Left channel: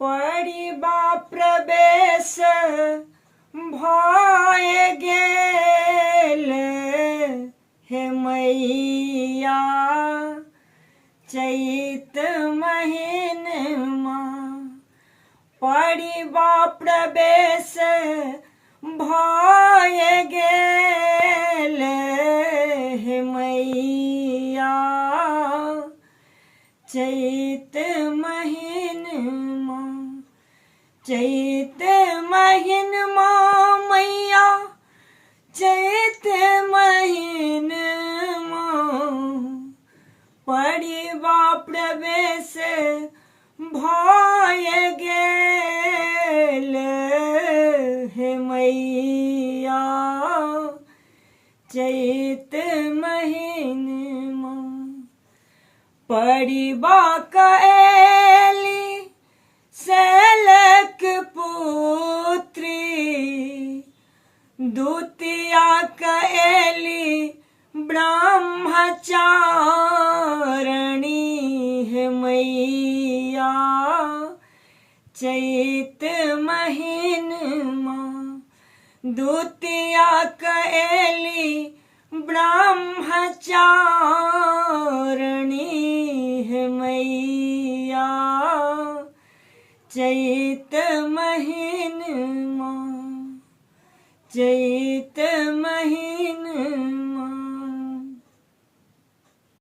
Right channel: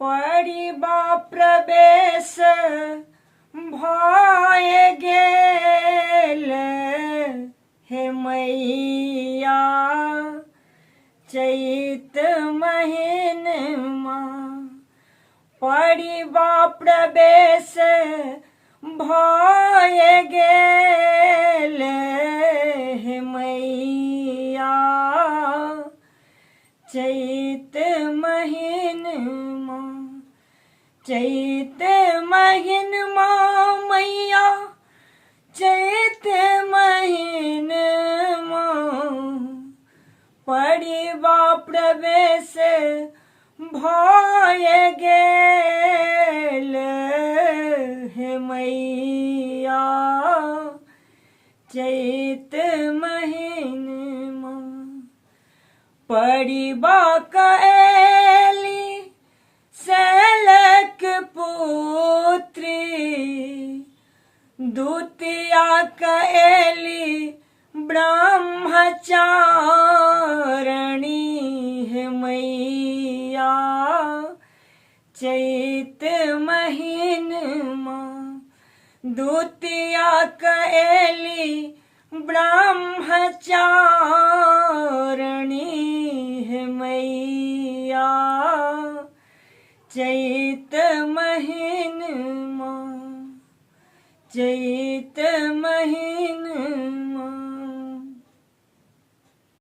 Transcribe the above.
पड़िबा प्रवेश भय गेल हे मैया चैत महीनमा पड़िबा प्रवेश भय गेल हे मैया चैत महीनमा चैत महीनमा मैया चैत महीनमा पड़िबा प्रवेश भय गेल हे मैया चैत महीनमा पड़िबा कएली शैलक पुत्री द्वितीया कएली ब्रह्मचारिणी हे मैया चैत महीनमा द्वितीया कएली ब्रह्मचारिणी हे मैया चैत महीनमा चैत महीनमा।